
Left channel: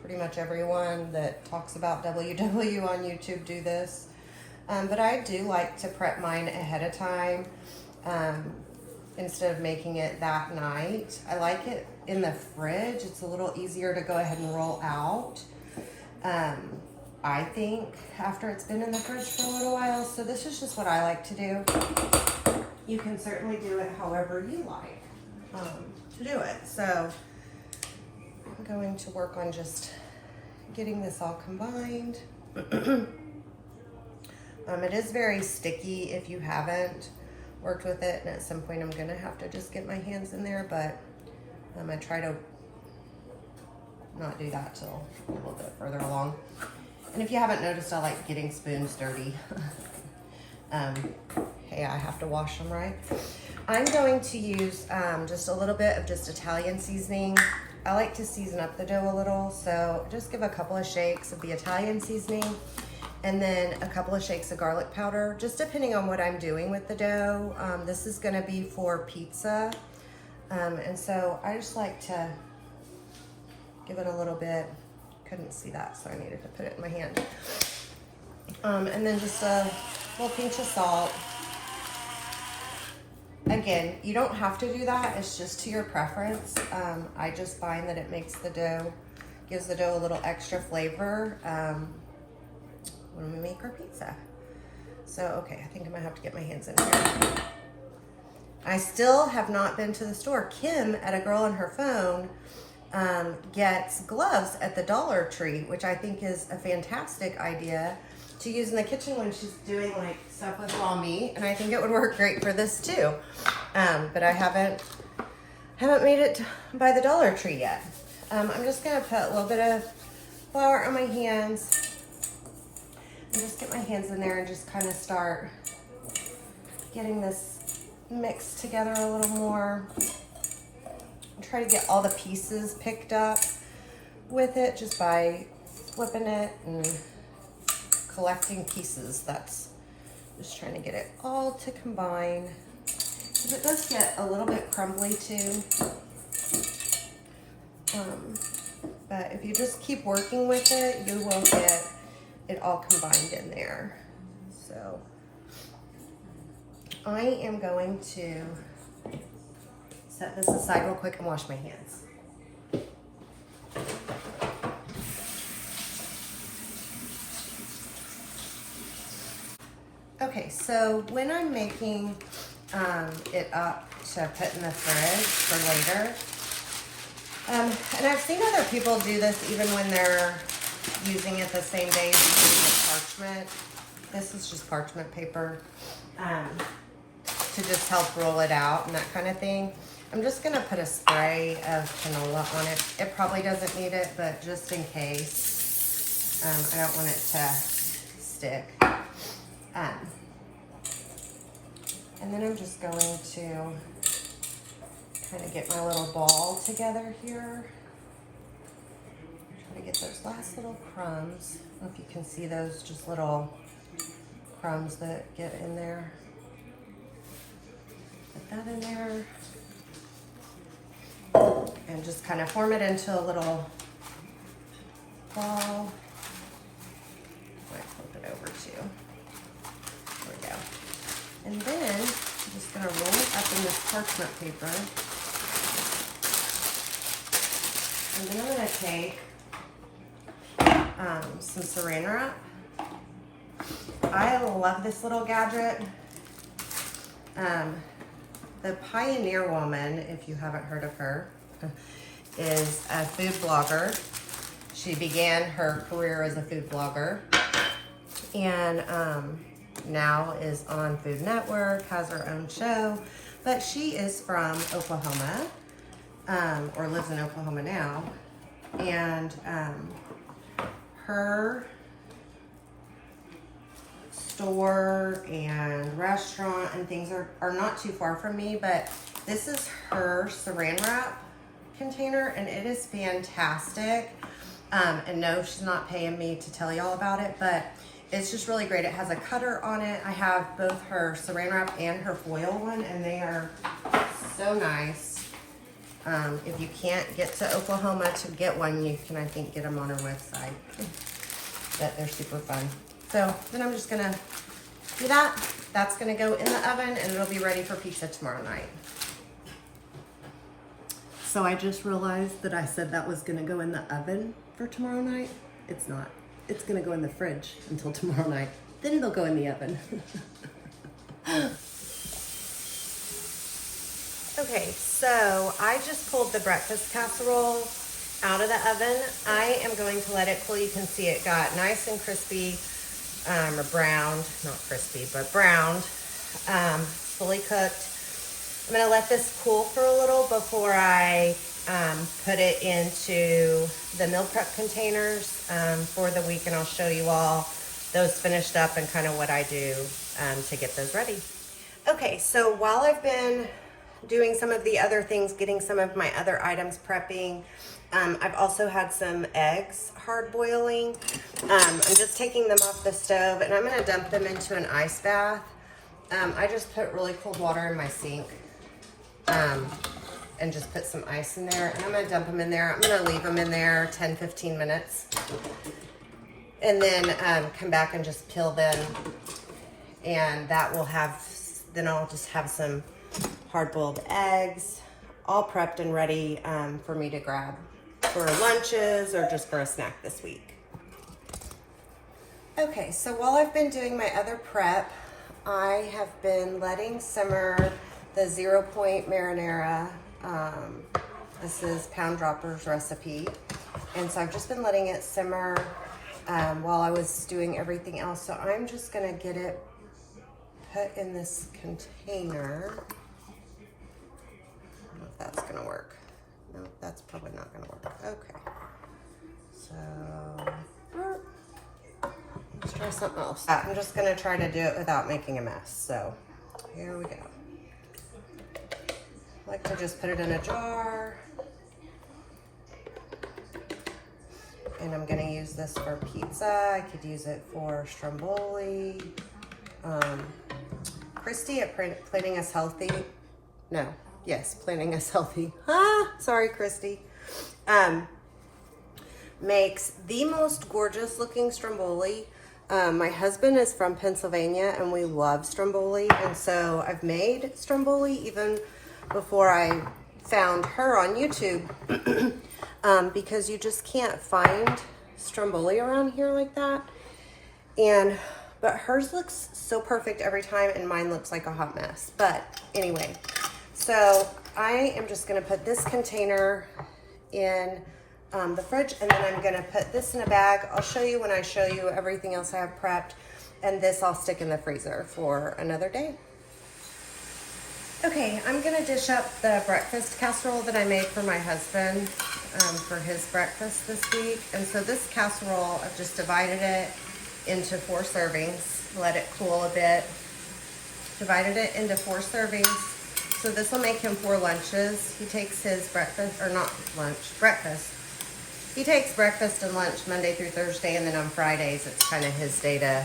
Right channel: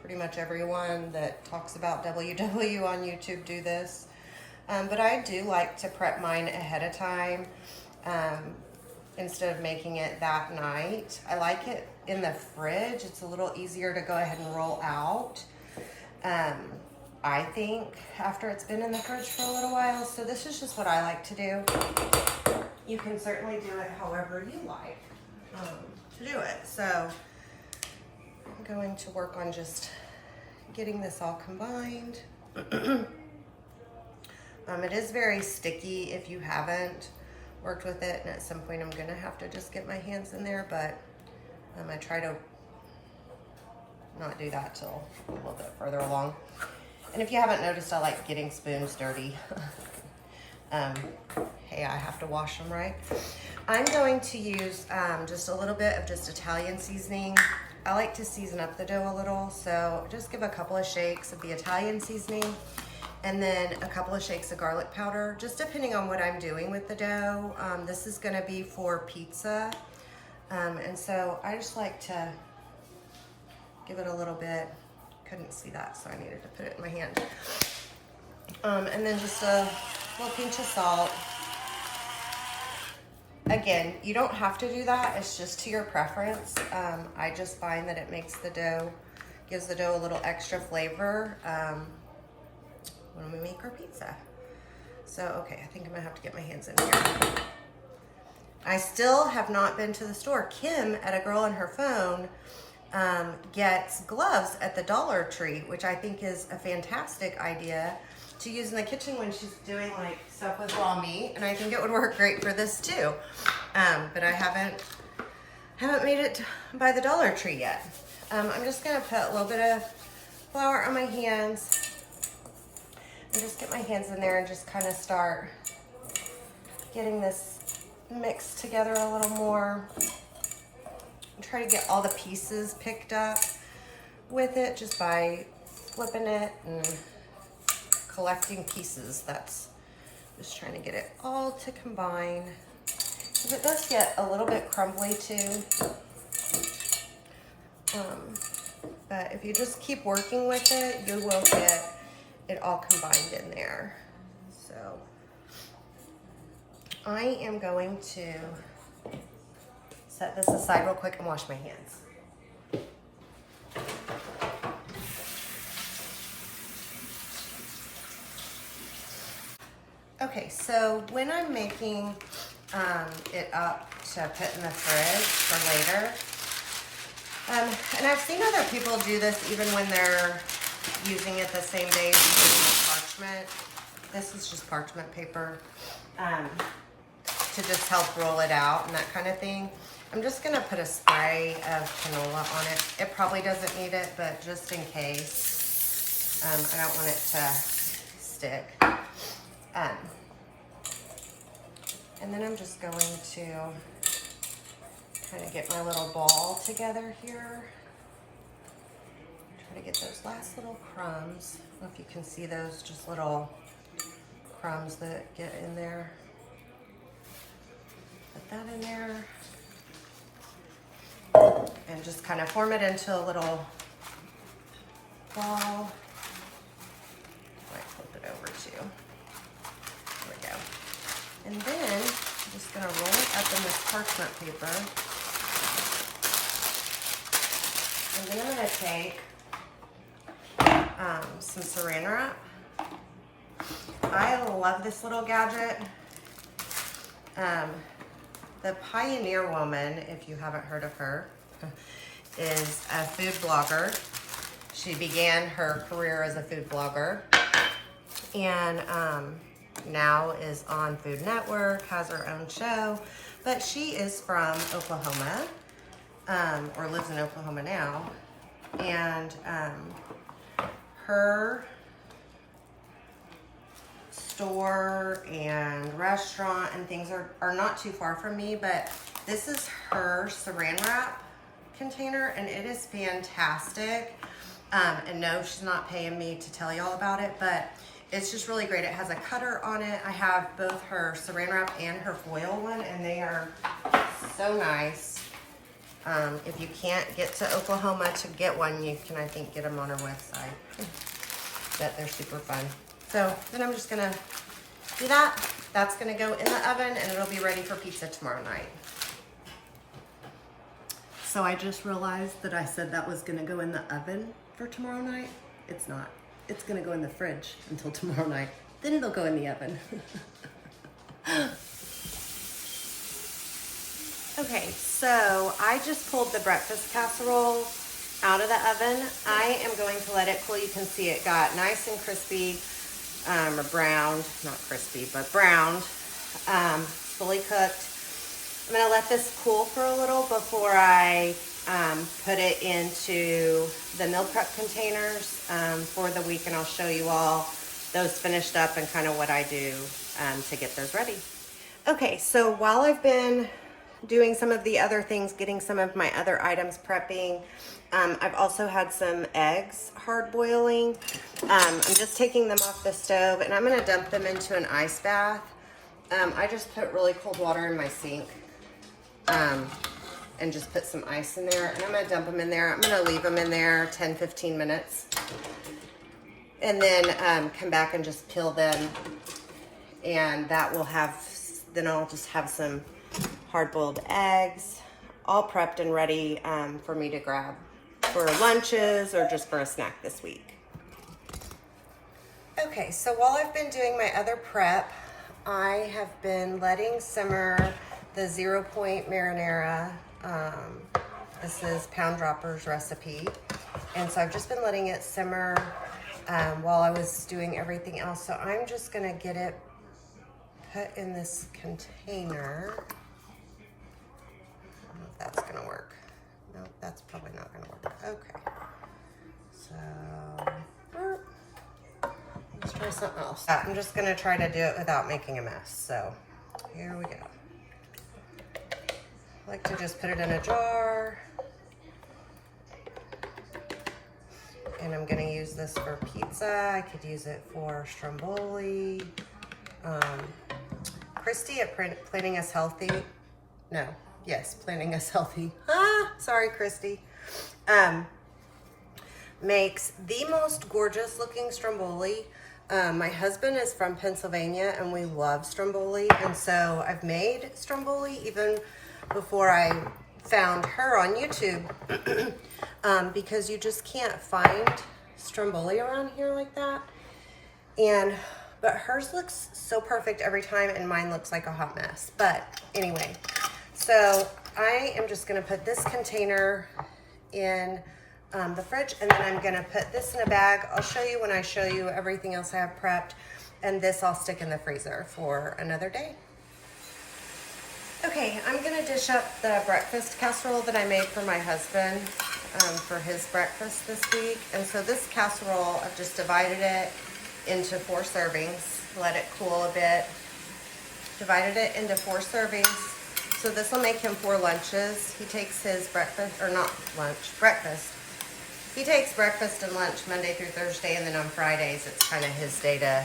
pretty much everyone that talks about WW on YouTube do this. But I do like to prep mine ahead of time instead of making it that night. I like it in the fridge. It's a little easier to go ahead and roll out. I think after it's been in the fridge for a little while. So this is just what I like to do. You can certainly do it however you like to do it. So I'm going to work on just getting this all combined. It is very sticky if you haven't worked with it, and at some point I'm gonna have to just get my hands in there, but I try to not do that till a little bit further along. And if you haven't noticed, I like getting spoons dirty. Hey, I have to wash them, right? I'm going to use just a little bit of just Italian seasoning. I like to season up the dough a little, so just give a couple of shakes of the Italian seasoning and then a couple of shakes of garlic powder, just depending on what I'm doing with the dough. This is gonna be for pizza. And so I just like to give it a little bit. Couldn't see that, so I needed to put it in my hand. And then just a little pinch of salt. Again, you don't have to do that. It's just to your preference. I just find that it makes the dough, gives the dough a little extra flavor when we make our pizza. So, okay, I think I might have to get my hands in here. I still have not been to the store. Kim, at A Girl on Her Phone, gets gloves at the Dollar Tree, which I think is a fantastic idea to use in the kitchen when she's doing like stuff with raw meat, and I think it would work great for this too. But I haven't made it by the Dollar Tree yet. I'm just gonna put a little bit of flour on my hands and just get my hands in there and just kind of start getting this mixed together a little more. Try to get all the pieces picked up with it just by flipping it and collecting pieces. That's just trying to get it all to combine. Because it does get a little bit crumbly too. But if you just keep working with it, you will get it all combined in there. So I am going to set this aside real quick and wash my hands. Okay, so when I'm making it up to put in the fridge for later, and I've seen other people do this even when they're using it the same day as using parchment. This is just parchment paper to just help roll it out and that kind of thing. I'm just gonna put a spray of canola on it. It probably doesn't need it, but just in case, I don't want it to stick. And then I'm just going to kind of get my little ball together here. Try to get those last little crumbs. I don't know if you can see those just little crumbs that get in there. Put that in there. And just kind of form it into a little ball. I might flip it over too. There we go. And then I'm just gonna roll it up in this parchment paper. And then I'm gonna take some saran wrap. I love this little gadget. The Pioneer Woman, if you haven't heard of her, is a food blogger. She began her career as a food blogger and now is on Food Network, has her own show, but she is from Oklahoma, or lives in Oklahoma now, and her store and restaurant and things are not too far from me, but this is her saran wrap container and it is fantastic. And no, she's not paying me to tell y'all about it, but it's just really great. It has a cutter on it. I have both her saran wrap and her foil one, and they are so nice. If you can't get to Oklahoma to get one, you can, I think, get them on her website. But they're super fun. So then I'm just gonna do that. That's gonna go in the oven and it'll be ready for pizza tomorrow night. So I just realized that I said that was gonna go in the oven for tomorrow night. It's not. It's gonna go in the fridge until tomorrow night. Then it'll go in the oven. Okay, so I just pulled the breakfast casserole out of the oven. I am going to let it cool. You can see it got nice and crispy, or browned, not crispy, but browned, fully cooked. I'm gonna let this cool for a little before I put it into the meal prep containers for the week, and I'll show you all those finished up and kind of what I do to get those ready. Okay, so while I've been doing some of the other things, getting some of my other items prepping, I've also had some eggs hard boiling. I'm just taking them off the stove and I'm gonna dump them into an ice bath. I just put really cold water in my sink and just put some ice in there, and I'm gonna dump them in there. I'm gonna leave them in there 10-15 minutes and then come back and just peel them, and that will have, then I'll just have some hard-boiled eggs all prepped and ready for me to grab for lunches or just for a snack this week. Okay, so while I've been doing my other prep, I have been letting simmer the 0 Point marinara. This is Pound Dropper's recipe. And so I've just been letting it simmer while I was doing everything else. So I'm just gonna get it put in this container. I don't know if that's gonna work. No, that's probably not gonna work. Okay. So, let's try something else. I'm just gonna try to do it without making a mess. So, here we go. I like to just put it in a jar. And I'm gonna use this for pizza. I could use it for stromboli. Christy at Planning Us Healthy. No, yes, Planning Us Healthy. Sorry, Christy. Makes the most gorgeous looking stromboli. My husband is from Pennsylvania and we love stromboli. And so I've made stromboli even before I found her on YouTube because you just can't find stromboli around here like that. but hers looks so perfect every time and mine looks like a hot mess. But anyway, so I am just gonna put this container in the fridge, and then I'm gonna put this in a bag. I'll show you when I show you everything else I have prepped, and this I'll stick in the freezer for another day. Okay, I'm gonna dish up the breakfast casserole that I made for my husband for his breakfast this week. And so this casserole, I've just divided it into 4 servings, let it cool a bit, divided it into 4 servings. So this will make him 4 lunches. He takes his breakfast, or not lunch, breakfast. He takes breakfast and lunch Monday through Thursday, and then on Fridays, it's kind of his day to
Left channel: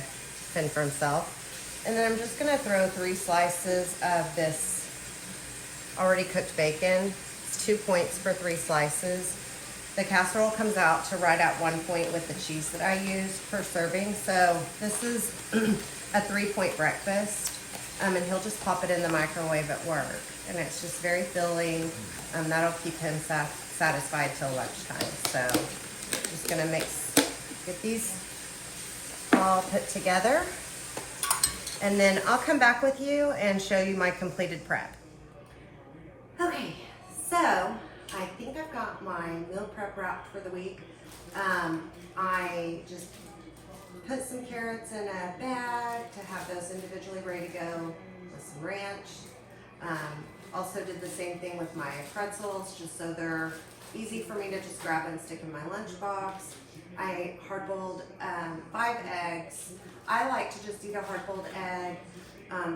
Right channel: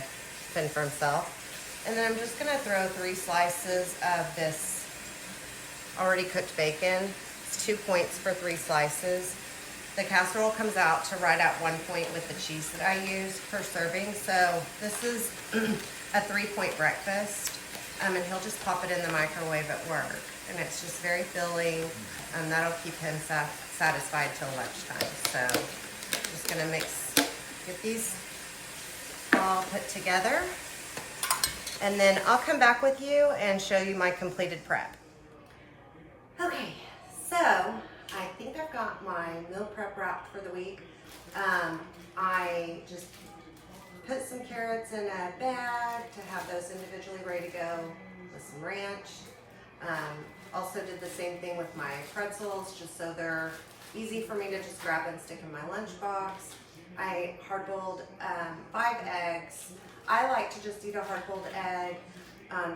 fend for himself. And then I'm just gonna throw 3 slices of this already cooked bacon. It's 2 points for 3 slices. The casserole comes out to right at 1 point with the cheese that I use per serving. So this is a 3-point breakfast. And he'll just pop it in the microwave at work. And it's just very filling. That'll keep him satisfied till lunchtime. So just gonna get these all put together. And then I'll come back with you and show you my completed prep. Okay, so I think I've got my meal prep wrapped for the week. I just put some carrots in a bag to have those individually ready to go with some ranch. Also did the same thing with my pretzels, just so they're easy for me to just grab and stick in my lunchbox. I hard-boiled 5 eggs. I like to just eat a hard-boiled egg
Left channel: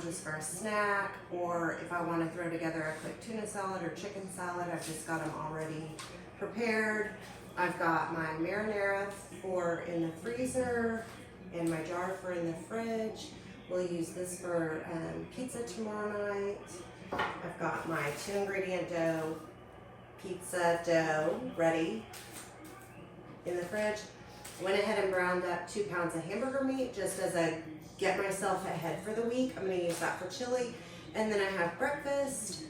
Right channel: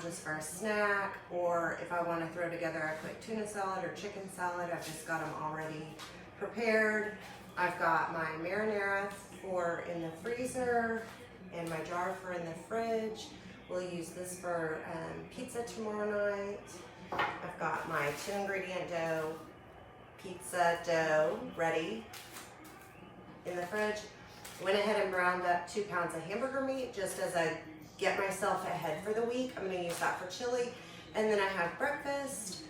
just for a snack, or if I want to throw together a quick tuna salad or chicken salad, I've just got them already prepared. I've got my marinara for in the freezer and my jar for in the fridge. We'll use this for pizza tomorrow night. I've got my 2-ingredient pizza dough ready in the fridge. Went ahead and browned up 2 pounds of hamburger meat just as I get myself ahead for the week. I'm gonna use that for chili. And then I have breakfast.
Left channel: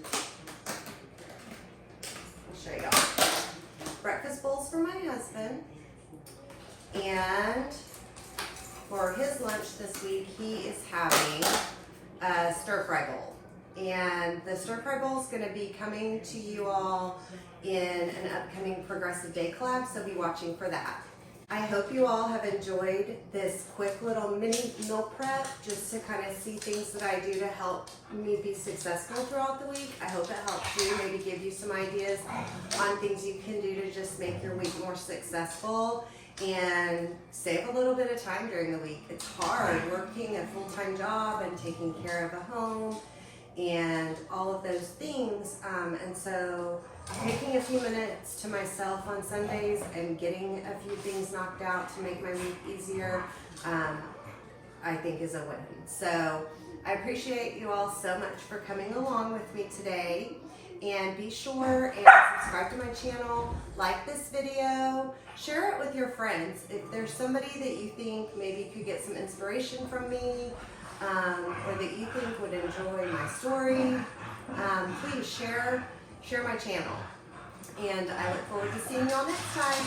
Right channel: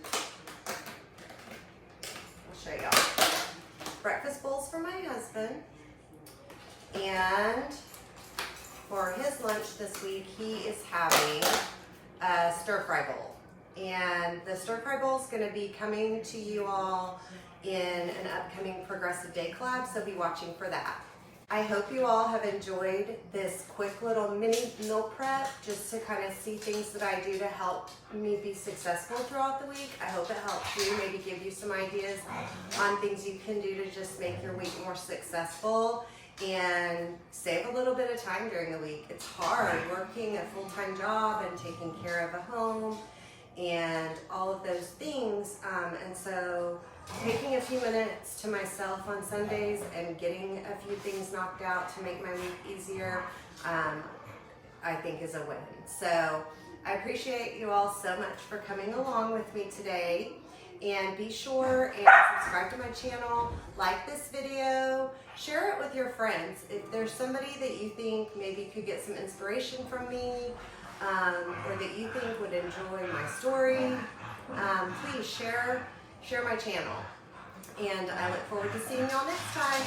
I'll show y'all. Breakfast bowls for my husband. And for his lunch this week, he is having a stir-fry bowl. And the stir-fry bowl is gonna be coming to you all in an upcoming Progressive Day collab, so be watching for that. I hope you all have enjoyed this quick little mini meal prep, just to kind of see things that I do to help me be successful throughout the week. I hope it helps you, maybe give you some ideas on things you can do to just make your week more successful and save a little bit of time during the week. It's hard working a full-time job and taking care of a home and all of those things, and so taking a few minutes to myself on Sundays and getting a few things knocked out to make my week easier, I think is a win. So I appreciate you all so much for coming along with me today, and be sure and subscribe to my channel, like this video, share it with your friends. If there's somebody that you think maybe could get some inspiration from me, or that you think would enjoy my story, please share my channel. And I look forward to seeing you all next time.